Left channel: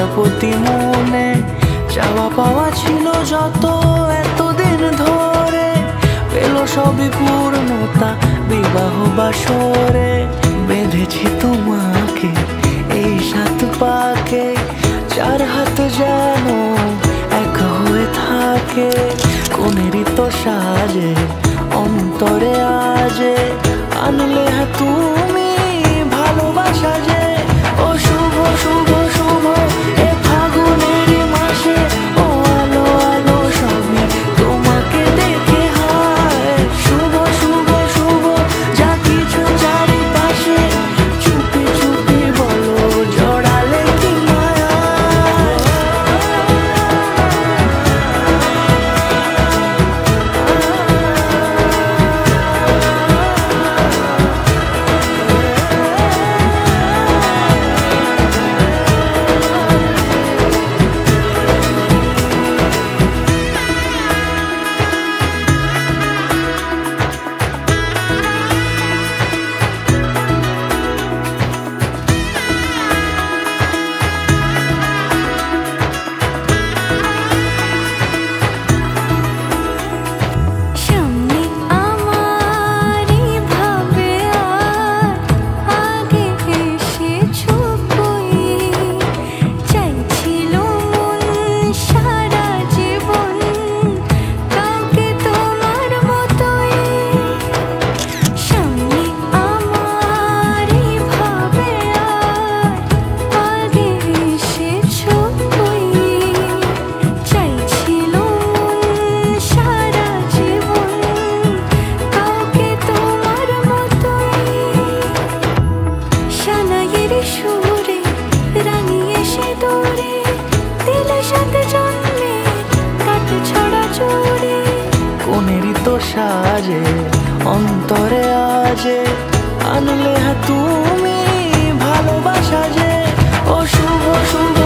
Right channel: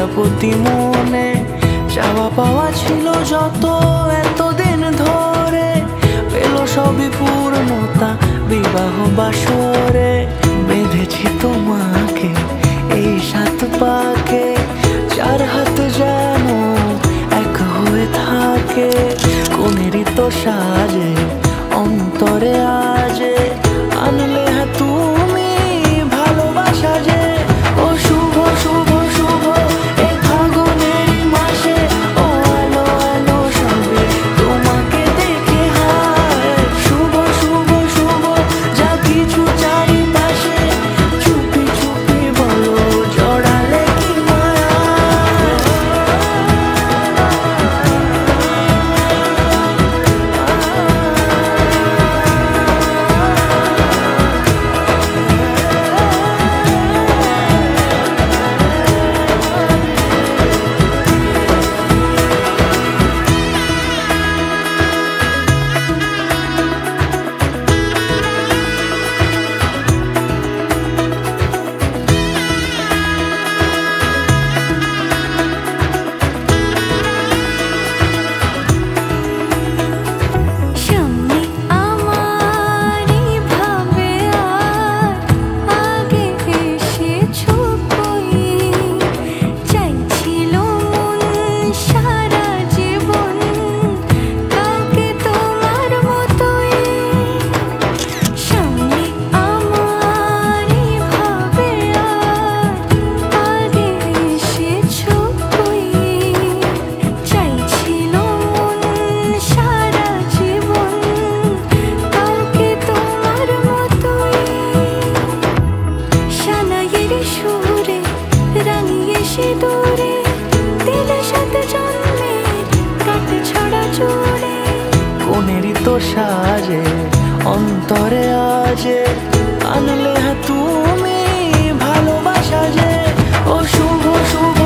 প্রজাপতি মনে চাওয়া পাওয়া ছিল যত এতদিন ধরে, পেল সবই পূর্ণতা বিবাহ বাসরে। বেঁধেছি তোমাকে এই 7 পাকে, 4 হাত যেন এক হয়ে থাকে। কোনেরই তো সাজে অন্তরে আজে আনলে তুমি ভালোবাসা যে। ও শুভ শুভ শুভ এ ফাগুনেরই মাসে, ও আলো আলো সবই তোমাকে দেখে হায়। শুভ শুভ শুভ যা কিছু চারিপাশে, চুপি চুপি বলো জড়ালে কি মায়া। সুরে রাঙিয়ে সে দূরে দিলে 7 জন্মের কাট ছড়া জোড়ে। কোনেরই তো সাজে অন্তরে আজে আনলে তুমি ভালোবাসা যে। ও শুভ শুভ